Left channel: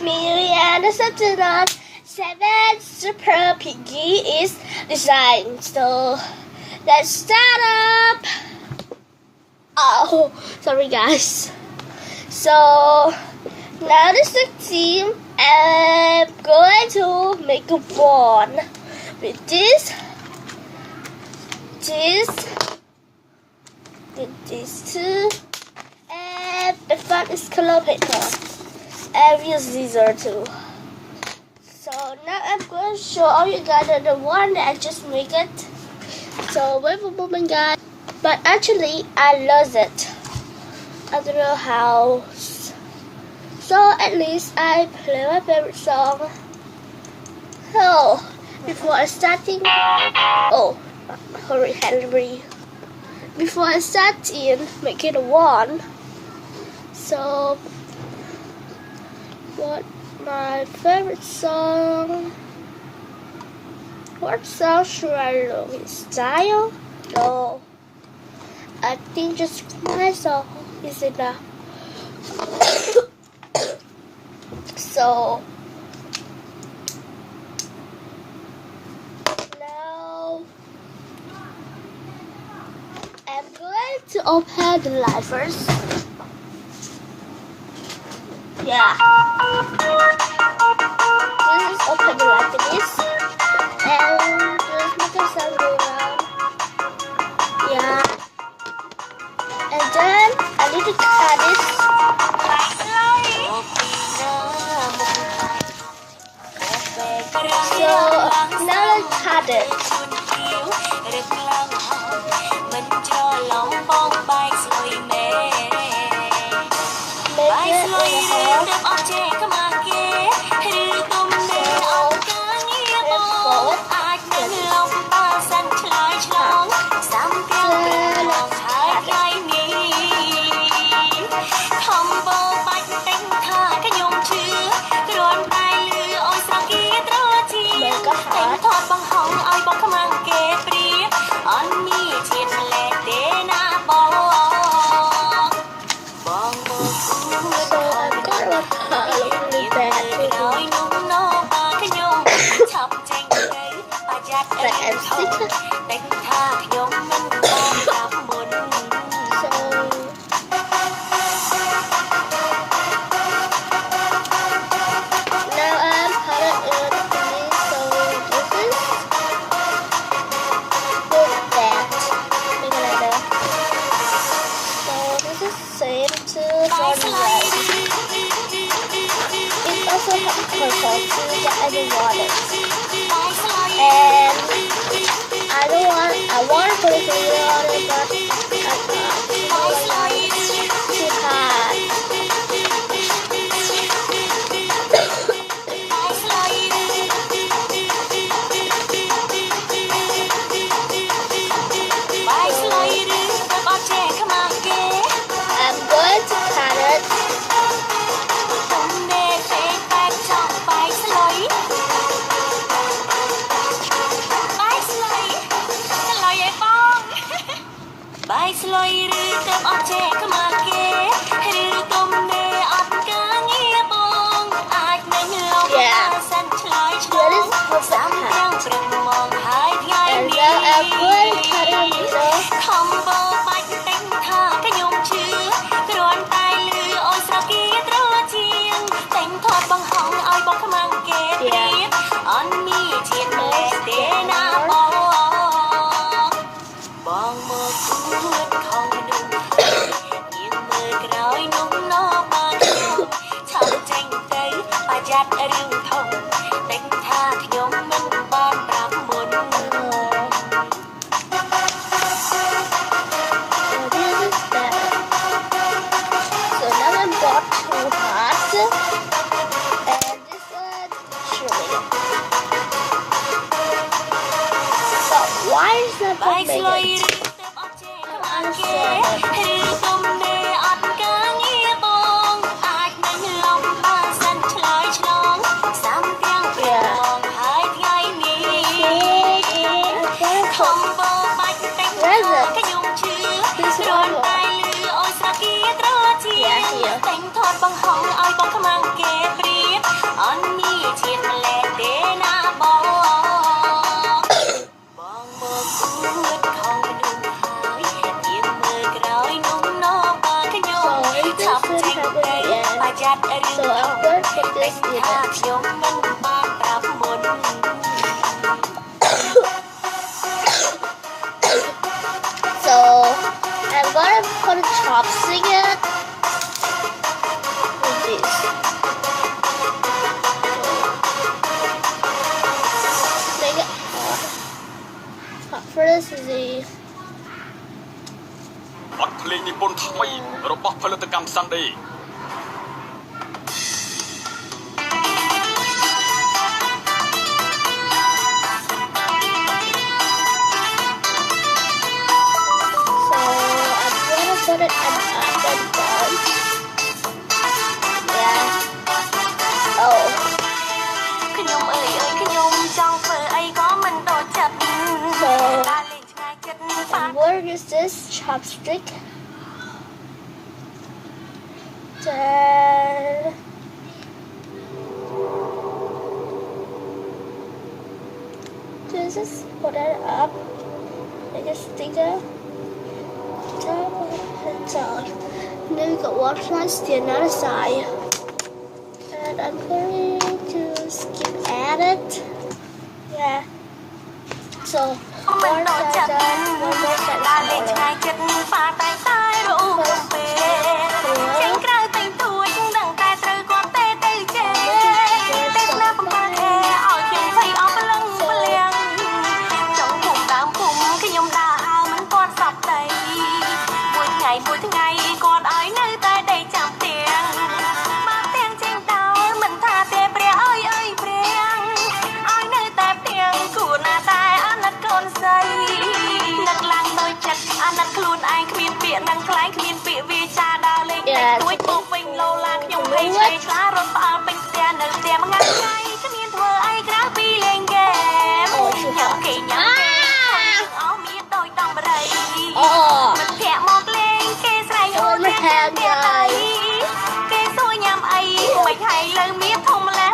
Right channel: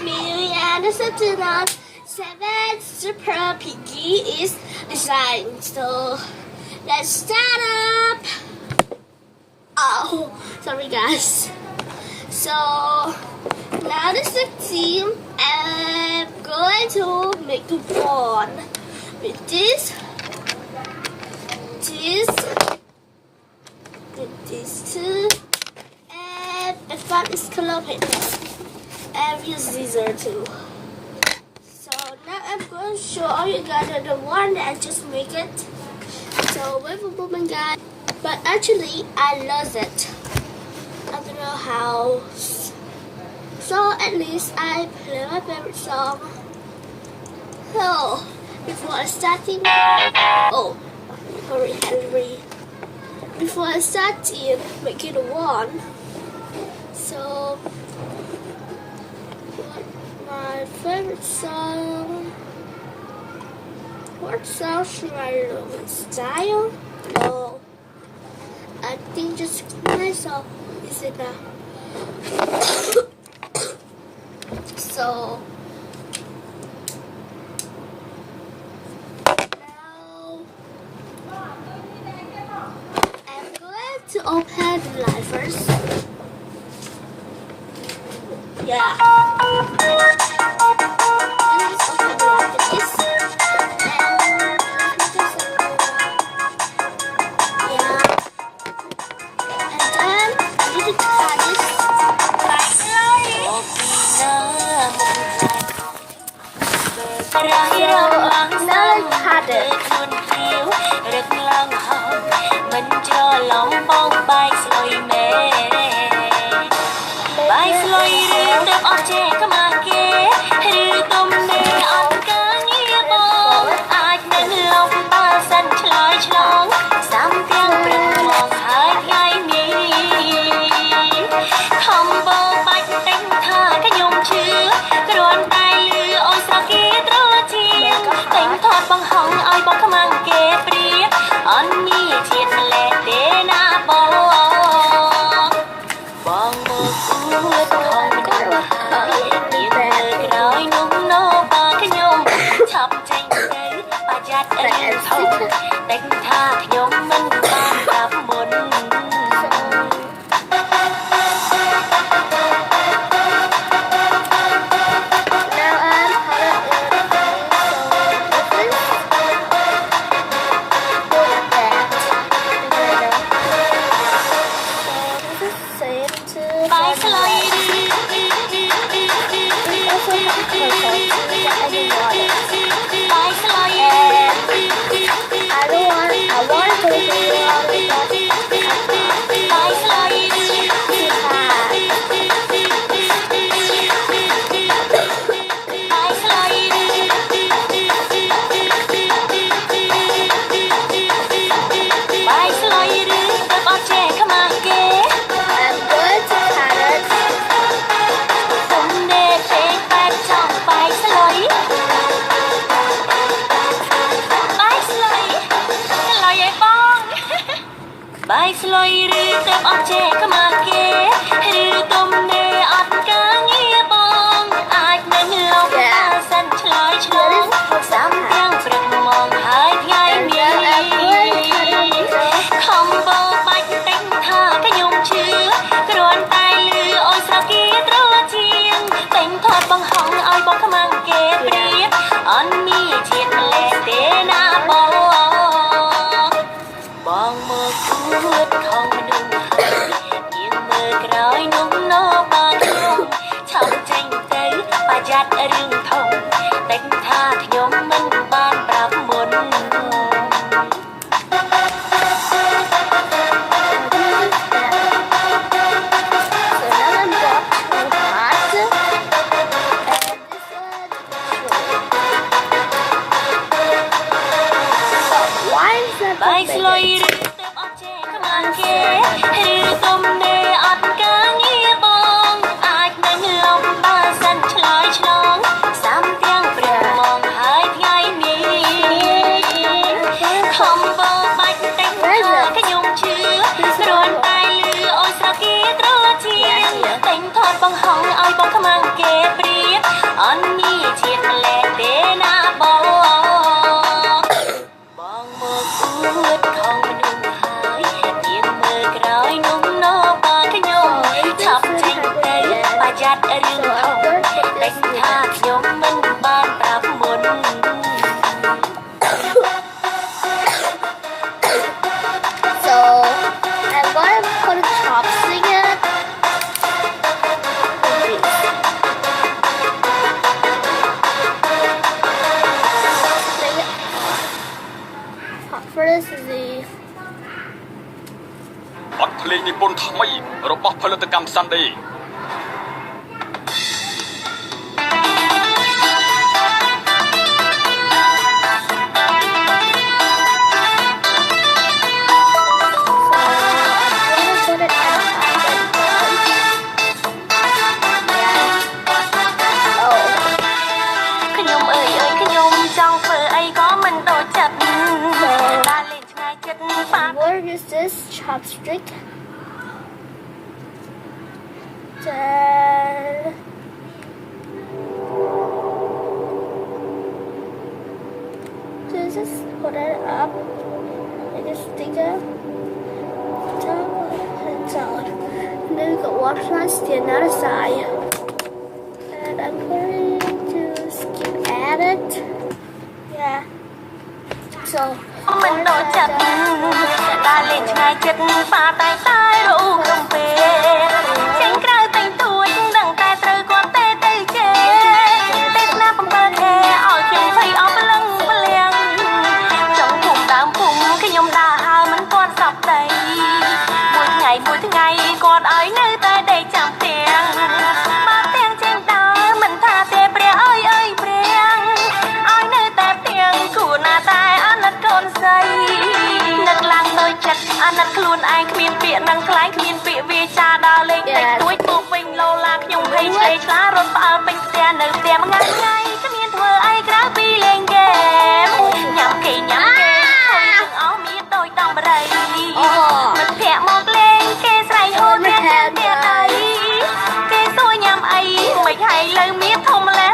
me and the Sentinel 7 Super Piggy is designed. So let's start up. Oh, sorry guys. So now this is the team. I'm going to make a one with this, with these two, and the front is color paper. And use scissors too. So now I'm going to show you guys the one that I just made it. So wait for a moment guys. But actually I lost it. I don't know how. So at least I play my favorite song. Oh, before starting. Oh, hurry Henry. Before I start in making a one. So what my favorite song? What song should I learn? Style? No. I think just my song is enough. So now I'm going to open the light first. Yeah. This is open the light like this. And just make a sound go around. Yeah. And then I need to cut this. So now let's cut it. I want to put it in water, but too hard. I'm going to cut it. Bài sloi rư tập ở trẻ cơ mà kê rư tôm nê ọt cá nghe bong ai nên lòng ta săn chlói chlong sám răng rực mong hai ngày mi không bao bạch đánh tha cái nhung chứa cái đòn tai lư ôi sao kia trôi chiêng đánh thoát bằng họng ai bóng cái mang kê priết on mi chiết lệ tê na bong bong mơ cút không nung nhưng mơ cõi nung nó bang nung trong tranh tới bà giặt rừng thông đánh tha thì nhóm mình ban bạc muốn Why is that bài big? sloi rư tập ở trẻ cơ mà kê rư tôm nê ọt cá nghe bong ai nên lòng ta săn chlói chlong sám tiếng priết mong hai ngày mi không bao bạch đánh tha cái nhung chứa cái đòn tai lư ôi sao kia trôi chiêng đánh thoát bằng họng ai bóng cái mang kê priết យ៉ាត់រឿង So I'm going to put this ថា in. ខ្ញុំមិនបានប្រាប់មុន So I'm going to put a chopstick in. Take it off. First is the បទភ្លេងនិពន្ធថ្មីរបស់ផលិតកម្ម Sunday so I'm gonna put it at top and down. Yeah. Oh. ខ្ញុំអើយខ្ញុំចង់ធ្វើអីក៏មិនដូចចិត្ត So ដើរលេងឆ្ងាយចិត្តប៉ា where is this chopstick? Then just put it up like a sticker. Down and down. And then we got one plus the other side. And I'm going to skip at it. Yeah. So មិន one ដូច side ចិត្ត done, one more side ដើរលេងឆ្ងាយ done. ចិត្តប៉ាតែរូបកំពេចេញក្រៅតែងទួចដឹងតែត្រូវគាត់ទេទៅជេពេលណាបំពេខែឲ្យខ្ញុំភ័យអស់ព្រលឹងព្រលៀងចង់ភូមិដើមភូមិខ្ញុំដើរហើមិនគាត់សពដីមួយថ្ងៃគាត់ឲ្យនៅតែដេកចាំផ្ទាំងបើផ្ទាំងចេញដើរមិនថាទេព្រះអើយព្រះឲ្យនៅតែផ្ទាំងគួរណាតែអាណិតកូនស្រីនឹកឡើងដោយចិត្តអាណិតខ្លួនឯងគ្មានពាក្យនឹងខ្លាយគ្មានពាក្យវាចាដល់លេខតែទួយពោះវិញលោឡាខ្ញុំភ័យឆ្លេឆ្លារត់ផ្អើលពេញផ្ទះនៅផ្ទះមួយថ្ងៃគ្មានធ្វើអីក្រៅពីលេងហ្គេមញ៉ាំគេអស់មានដូចដងបរិយ Oh. ភ័ក្រមកលេងគេស្រែកអូនមានទៀតអីគេសួរញ៉ាំអីមិនហើយលើមានធំម្លេះ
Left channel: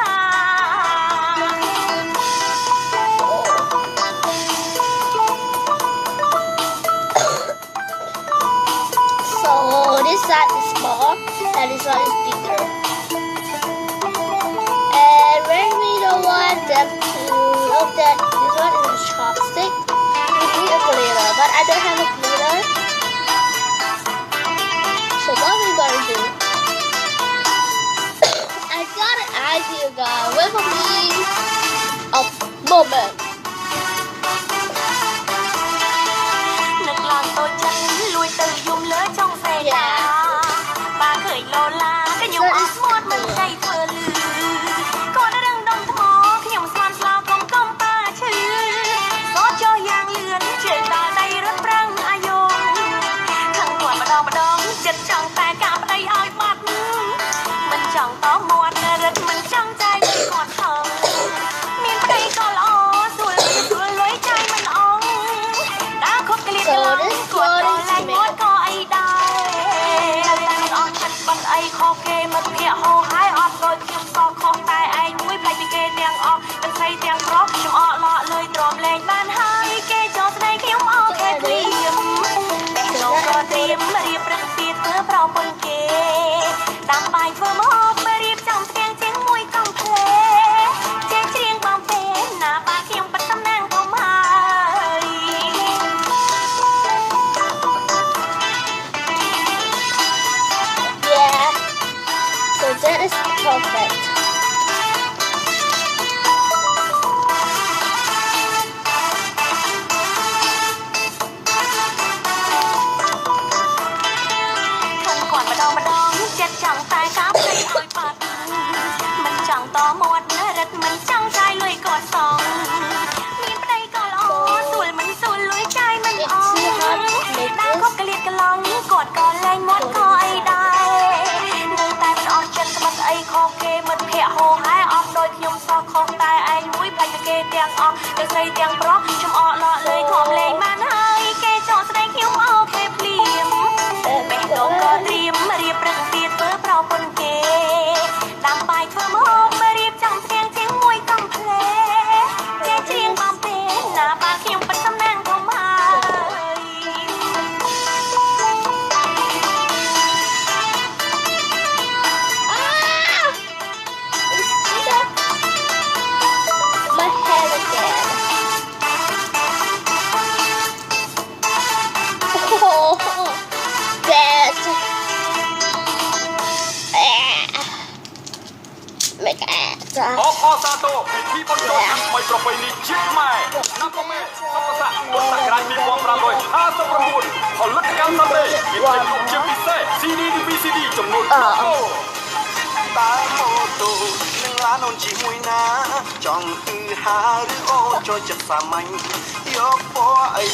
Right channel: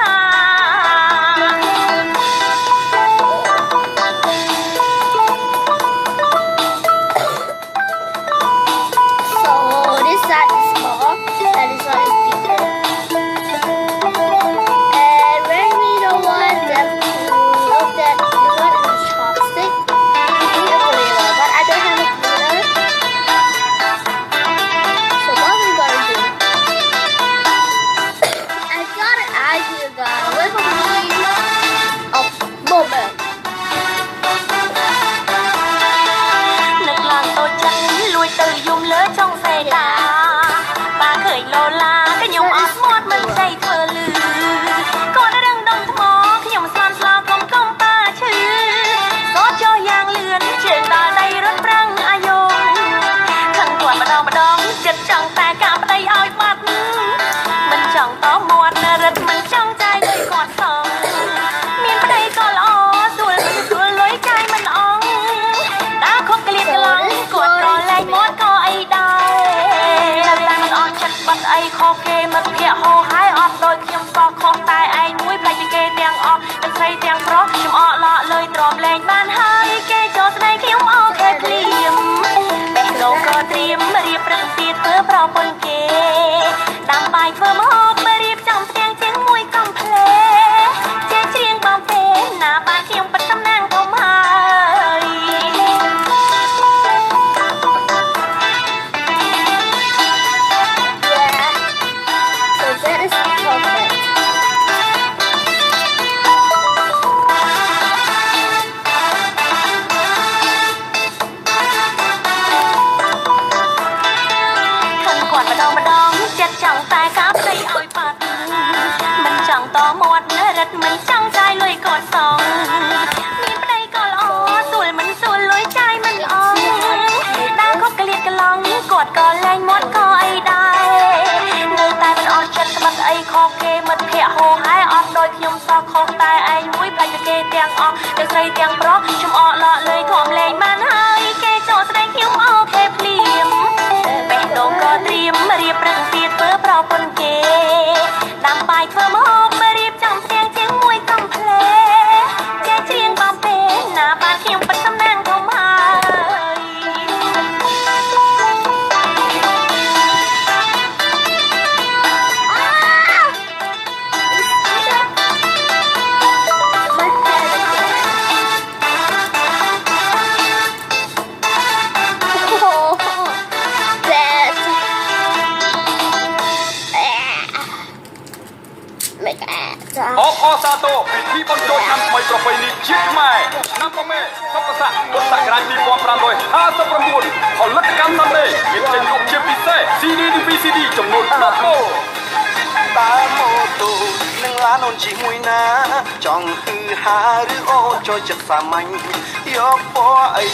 So this side is small and this side is bigger. And when we don't want them to look at this one is a chopstick, we need a glitter, but I don't have a glitter. So what are we gonna do? I got an idea, guys. Wait for me a moment. នឹកឡើងតូចចិត្តលួចទៅយំលើចុងសេតាបាឃើញលោឡាខ្ញុំអត់ស្មាត់មិនស្ដីធ្វើលឺគាត់រឹងដុំថ្មខ្ញុំស្លាប់ស្លាប់កុំប៉ាឈឺក៏ចុះយ៉ាងលឿនជើងដល់ដៃរត់ប្រឹងអាយុខឹងគាត់ម្ដងចិត្តចង់តែកាប់ប្តីឲ្យបាត់មិនចង់តមាត់រត់មិនចង់ចាយឲ្យគាត់ខំមានប្តីក៏ល្អស្រួលលុយចាយមិនអងដើរខុសក្លៀតឡងគាត់ក៏លែងមាត់ក៏អីដែរនៅតាមអត់ចិត្តបាត់អីខុសគេមិត្តភក្តិហោហើយអត់ដូចខ្ញុំសោះខុសតែឯងមួយផ្លេចពីគេទាំងអស់ទាំងស្រីទាំងប្រុសខ្ញុំអត់ឡក់លុយទ្រាំលែងបានហើយគេចូលស្ដីខ្ញុំអត់តែព្រៀមបេះដូងក៏ត្រៀមរៀបរឹងទៀតធ្វើប្រពន្ធគេដាំបាយធ្វើម្ហូបរៀបចំផ្ទាំងជាងមួយកំភ្លេចេះច្រៀងកំពេណាបាយខ្ញុំបិទតំណាងធំហើយ Yeah. So that is perfect. จ้า អខសាទរពិធីបុណ្យចូលឆ្នាំថ្មីប្រពៃណីជាតិខ្មែរណាកមេសុខស័ក្តិពុទ្ធសករាជ2559ផលិតកម្មសម្លេងមានភាពជាពិសេស CD VCD ចំនួន10តូ តើម៉ូតូនឹងឡានអូនជិះមួយណាចង់គឺហាឬអូចូលចិត្តសាមញ្ញយកពណ៌អី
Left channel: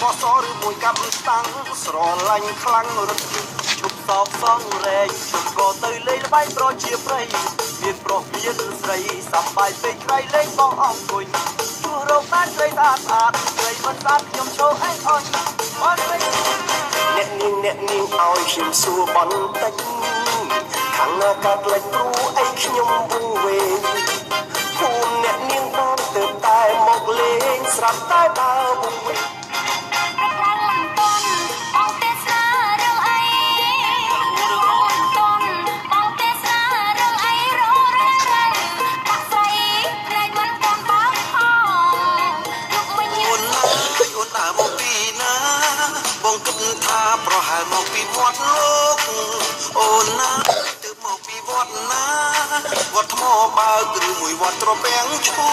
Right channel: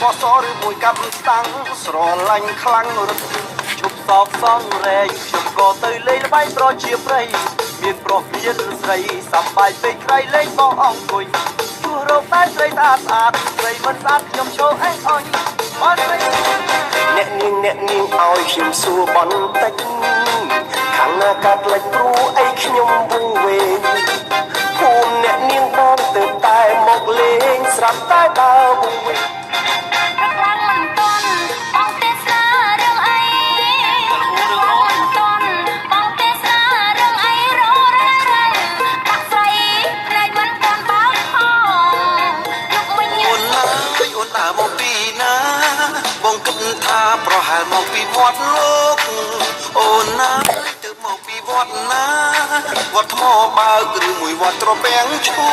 ពណ៌សឬមួយកាប់ស្តាំងស្រឡាញ់ខ្លាំងរត់ជប់សោកសងរែកជប់ក៏ទៅលេងល្បែងប្រជាប្រិយមានប្រុសមានស្រីសប្បាយពេកក្រៃលេងបងអង្គុយជួររកតែស្រីស្អាតស្អាតស្រីមិនស្អាតខ្ញុំចូលអេះអញមកអ្នកនាងឲ្យខ្ញុំសួរបន្តិចខាងណាកាត់លេចព្រួអីខ្ញុំវងវែងភូមិអ្នកនាងបងទៅតែមកលេងស្រាប់តែដើរវងវែង បងគិតថាប្រហែលមកពីវត្តលោកអូនណាទៅមកពីវត្តណាវត្តថ្មបើកឬមួយវត្តត្រពាំងឈូ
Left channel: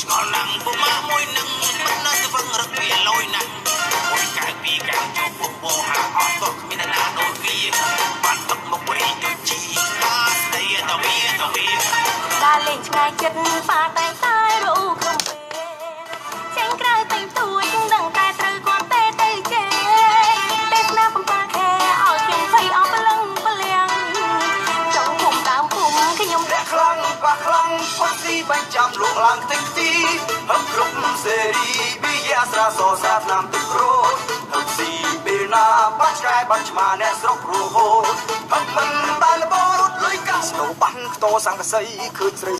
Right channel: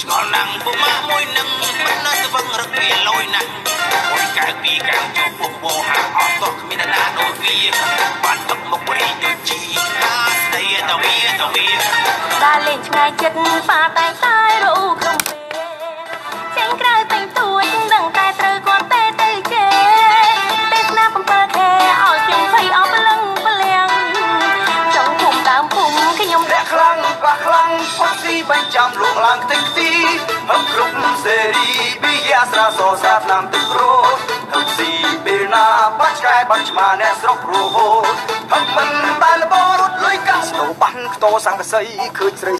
ឆ្ងល់ណាំងពុកម៉ាក់មួយនឹងមិនណាស្វឹងរឹកវាលយណាស់មួយកៅពីកាំងជួបពុកវោហាអត់តគ្មានណាដូចវាបានទឹកមកវិញដូចជីតាស្ដីតវាដើរលេងឆ្ងាយចិត្តប៉ាតែតែរੂក្នុងពេលចេញក្រៅតែងទួចដឹងតែត្រូវគាត់ទេទៅចេទេសនា7ខែឲ្យខ្ញុំភ័យអស់ព្រលឹងព្រលៀងចង់ភូមិដើមភូមិខ្ញុំរះខ្លាំងបាក់ខ្លាំងពុកទីបាញ់ចាំលក់ឡើងទឹកទីហឹមគ្រប់សេរីវិយាស្រាសស្រាតាមទឹកព្រោះហឹមស៊ីពេលណាបាច់ឆ្កែបាច់ឆ្មាអ្នកស្រុករហូតហឹមមិនដែលបរត់លុយកាស្នូបាំងខ្ទោសង្កសីឃើញស្រី